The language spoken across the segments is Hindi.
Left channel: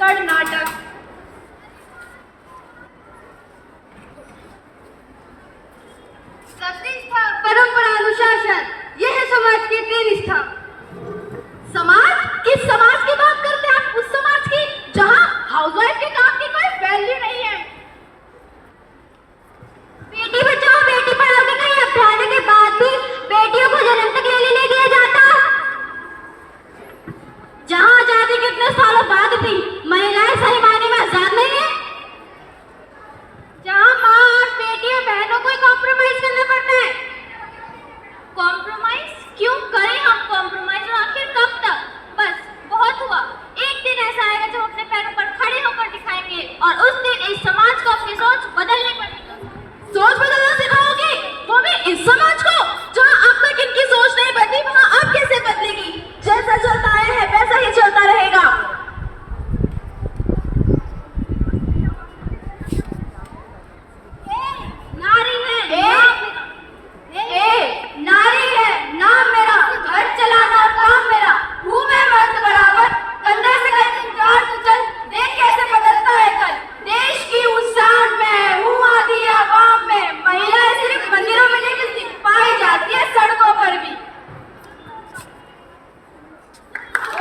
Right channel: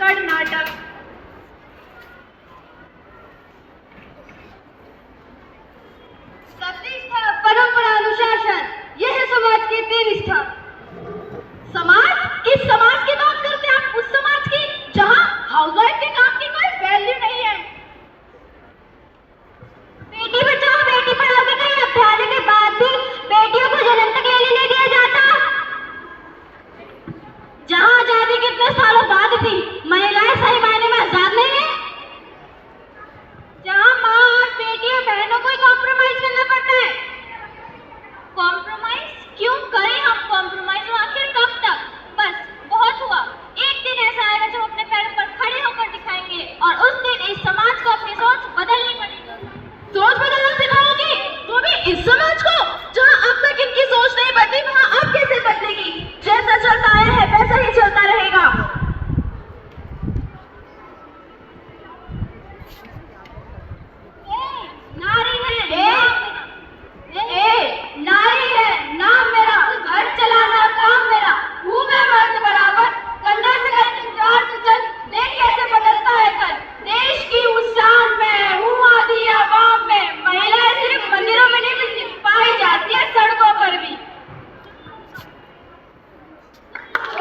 कर्नाटक। प्रतिष्ठा, परंपरा, अनुशासन, यह है समाज की निष्ठा। समाज, किस समाज की बात करते हैं आप? उस समाज की जहां हाउसवाइफ के काम की कोई वैल्यू नहीं है। बेटी बचाओ बेटी पढ़ाओ के कई अभ्यास के बाद भी बेटियों को जन्म तक लेने नहीं दिया जाता। जहां आजादी कितने सालों बाद भी महिलाएं सही मायने में आजाद नहीं है। जहां माँ और बेटी और बहनों को कॉम्प्रोमाइज करना पड़ता है। कॉम्प्रोमाइज क्यों करें हम? कॉम्प्रोमाइज आखिर कब तक? बस बहुत हुआ। एक दिन ऐसा आएगा जब अपने पैरों पर खड़े होकर दिखाएंगे और उस दिन इस समाज को अपनी सोच बदलनी पड़ेगी। सोच बदलना सिखाओगे तो भी इस समाज को जहां अब तक इनकी सोच नहीं बदली वहां अब कैसे बदलेगी? जैसा चलता आया है वैसा ही चलता रहेगा। नारी है नाम मेरा, घर चलाना काम मेरा, हूँ मैं मर्द बराबर, कंधे से कंधे जोड़ के चल, देख कैसे बदलता है कल। देश की उस शान में हूँ आदि आवाम में, महिलाएं सिर्फ मंदिरों में नहीं मिलती, पाई जाती है सड़कों पर भी।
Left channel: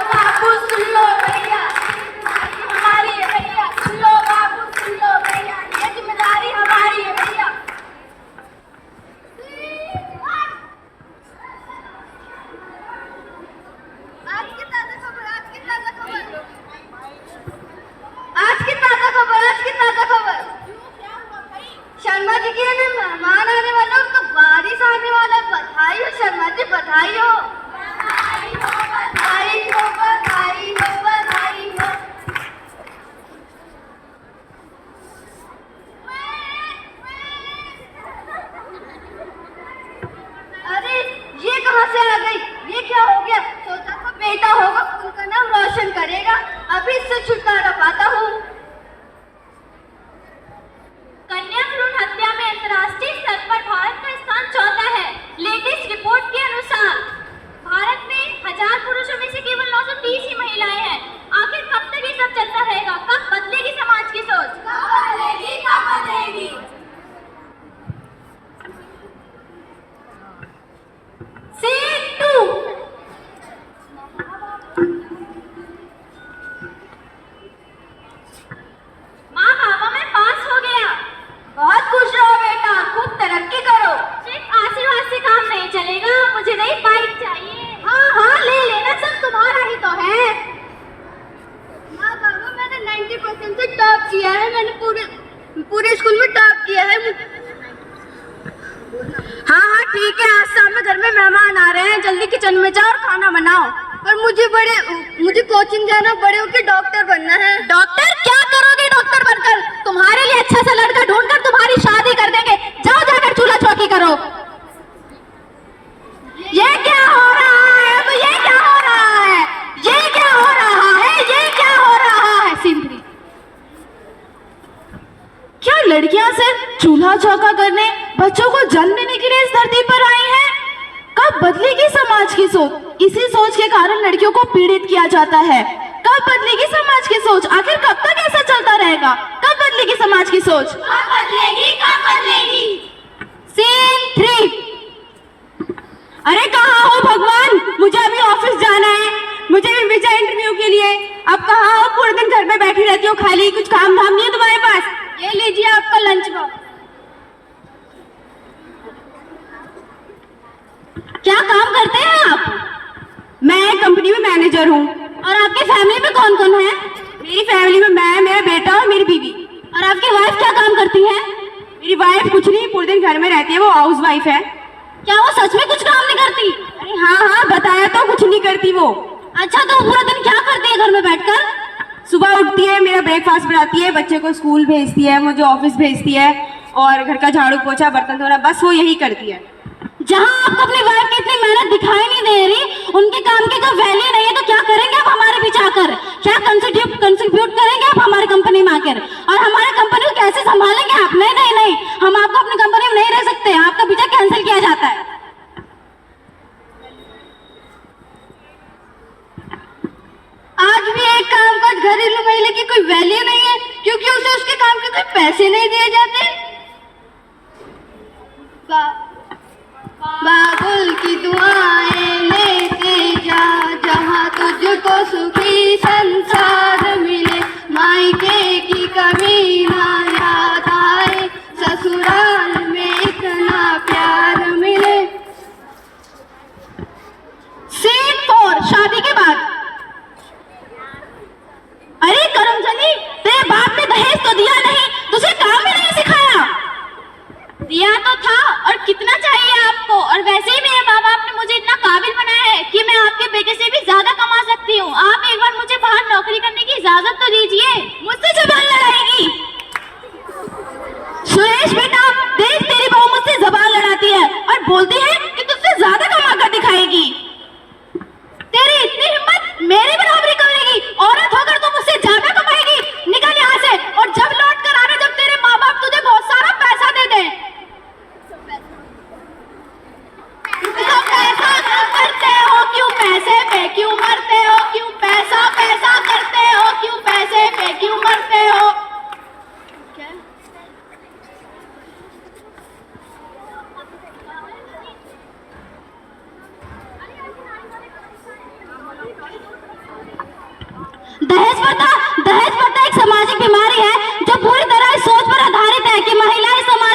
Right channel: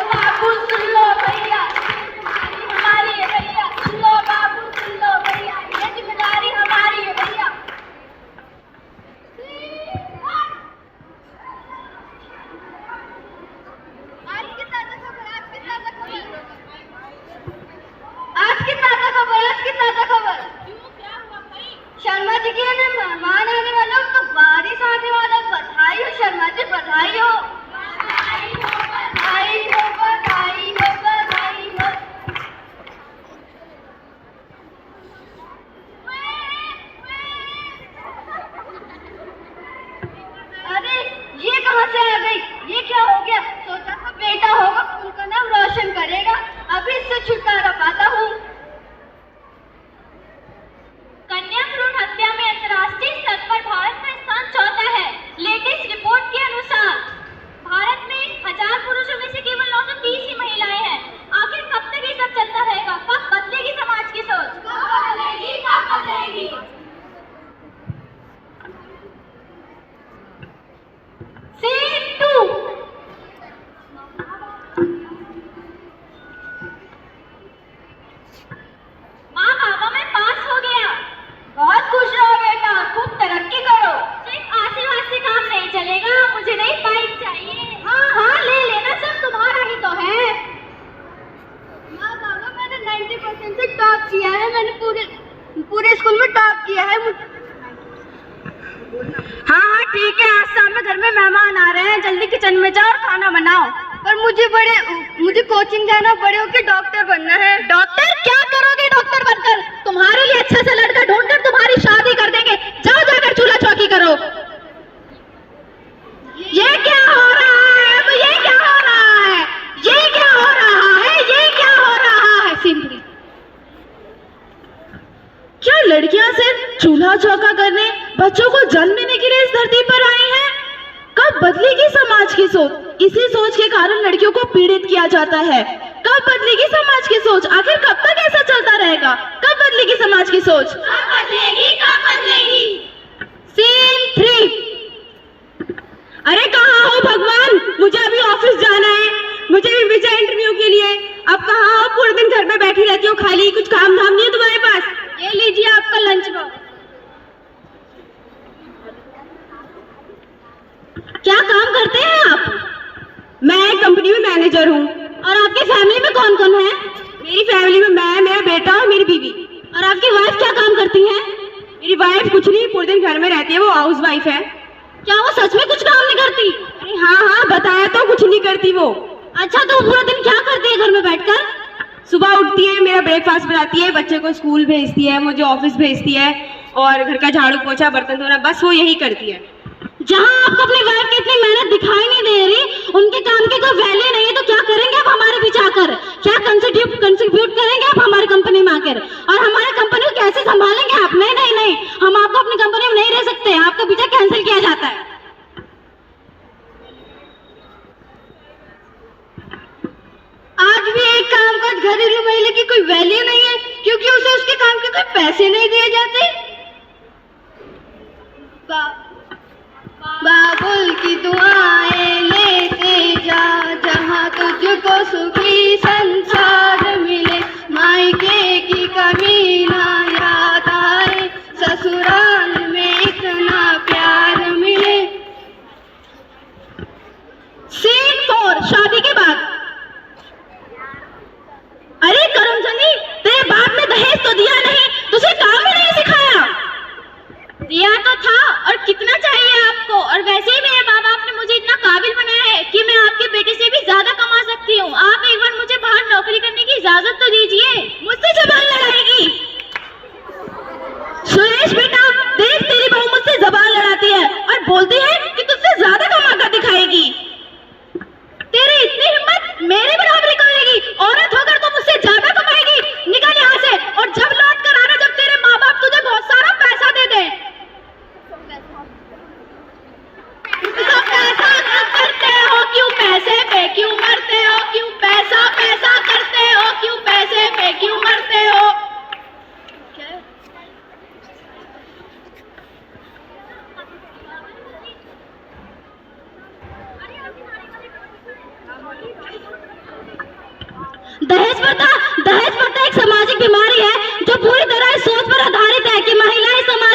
बाबू सुन लो भैया, हमारी है भैया, सुन लो बाबू सुन लो भैया, ये जिम्मेदारी हमारी है भैया। आज की ताजा खबर। क्या हुआ भाई? शर्मा जी की ने मेहमान आने वाला, उनका बारिश आने वाला। बधाई हो शर्मा जी, बधाई हो। बधाई हो बधाई हो बधाई हो बधाई हो। अरे ये कहाँ से आ गई? ये क्या हो गया? सोचा था बेटा होगा, उनका नाम रोशन करेगा, अभी इससे छुटकारा पाता हूँ। कन्या भ्रूण हत्या में अंतर्राष्ट्रीय स्तर पर भारत का स्थान चौथा है। लेटेस्ट रिपोर्ट के अनुसार भारत में 1000 पुरुषों में से केवल 930 ही महिलाएं हैं। आखिर कब तक ये सब चलता रहेगा? कब बदलेगी समाज की सोच? कब बदलेगी? कब बदलेगी? सीन 2। माँ बाबा मैं पास हो गया। बहुत खुश रहो बेटा, खूब तरक्की करो। सिर्फ आशीर्वाद से काम नहीं चलेगा, मुझे नई बाइक चाहिए। हाँ ले लेना, सब तुम्हारा ही तो है। माँ बाबा मैंने 90% से टॉप किया है, मैंने पूरे स्कूल में टॉप किया है। हाँ ठीक है, आज शाम में घर में मेहमान आ रहे हैं, जल्दी किचन में जाओ और खाना बनाओ। पर मुझे कोचिंग जाना, बड़े होकर डॉक्टर बनना है। डॉक्टर? क्या करोगे डॉक्टर बनकर? तुम्हारे लिए अच्छा सा लड़का ढूंढकर तुम्हारी शादी कर देंगे। जाओ जाकर चूल्हा चौकी करो। ये क्या हो रहा है? ये क्या हो रहा है? ये क्या हो रहा है? ये क्या हो रहा है? सिंपली क्या लड़कियां सिर्फ चूल्हा चौका करने, बच्चों को जन्म देने के लिए इस धरती पर आई हैं? कब बदलेगी समाज की सोच? इसी सोच के कारण लड़कियों को पीड़ित किया जाता है। कब बदलेगी समाज की सोच? आखिर कब तक ऐसा चलता रहेगा? कब बदलेगी समाज की सोच? कब बदलेगी? कब बदलेगी? सीन 3। अरे कहाँ हो भगवान? मुझे अभी ऑफिस जाना है, मुझे भी वीजा इंटरव्यू के लिए। अब कहाँ हो? पूरे दिन घर में बैठी रहती हो खाली, कुछ काम धाम नहीं है तुम्हारे पास? ये लीजिए आपका लंच बॉक्स। क्या काम करते हैं आप? मैं कंपनी में मैनेजर हूँ। और आपकी फैमिली में कौन कौन है? मेरी फैमिली में मैं, मेरा बेटा और मेरी बीवी। और आपकी वाइफ क्या काम करती है? मेरी वाइफ कुछ नहीं, पूरे दिन घर में रहती है, वो हाउस वाइफ है। क्या वो सच में कुछ काम नहीं करती? अरे हाँ बताया तो, कुछ नहीं करती वो। अच्छा तो पूरा दिन क्या करती है घर में बैठकर? सुबह उठती है, मेरा ब्रेकफास्ट बनाती है, बच्चे को स्कूल भेजती है, मुझे ऑफिस भेजती है और घर का झाड़ू पोछा बर्तन धोना, बस वो यही करती है। जहाँ आपको अपनी वाइफ की इतनी मेहनत दिखाई नहीं दे रही, उनके काम की कोई वैल्यू नहीं है, तो क्या करेंगे आप हमारे पीछे आकर? क्या कंट्रीब्यूट करेंगे आप हमारी कंपनी में आकर? और हमारी कंपनी को कैसे संभालेंगे आप? नहीं, हम आपको अपनी कंपनी में नहीं रह सकते, आपका वीजा कैंसिल किया जाता है। आज भी एक काम काज घरेलू महिला की कोई वैल्यू नहीं है क्योंकि उसे उसके काम के कोई पैसे नहीं दिए जाते। बाबुल की दुआएं लेते जा, जहाँ तुझको सुखी संसार मिले, मायके की कमी ना याद आए, ससुराल में इतना प्यार मिले। सीन 4, शादी के बाद। अरे करमचंदी, तेरे बाप ने दहेज तो दिया नहीं, तुझे काम भी नहीं सिखाया। दिया तो था, और कितना चाहिए आपको? और वैसे ही मेरे माँ बाप ने मुझे इतना काबिल बनाया है कि मैं आपके बेटे से भी ज्यादा कमा सकती हूँ। आप एक बार मुझे बाहर नौकरी करने की इजाजत तो दीजिए। मुझसे जबान लड़ाएगी? सुरेश बेटा, देख तेरी बहू मुझसे जबान लड़ाती है और बोलती है कि तुझसे ज्यादा कमा कर दिखाएगी। तेरी इतनी हिम्मत, मेरी बराबरी करेगी? औरत होकर तो मुझसे ज्यादा कमाएगी। निकल यहाँ से, और जब लौट कर आना जब तेरे माँ बाप तुझे बहुत सारा पैसा दे दे। पैसा करते हो क्यों? पैसे पे क्यों मरते हो? क्यों पैसा पैसा करते हो? क्यों पैसे पे क्यों मरते हो? दहेज प्रथा एक सामाजिक बीमारी है जो पूरी तरह इस सोच पर आधारित है कि महिलाएं समाज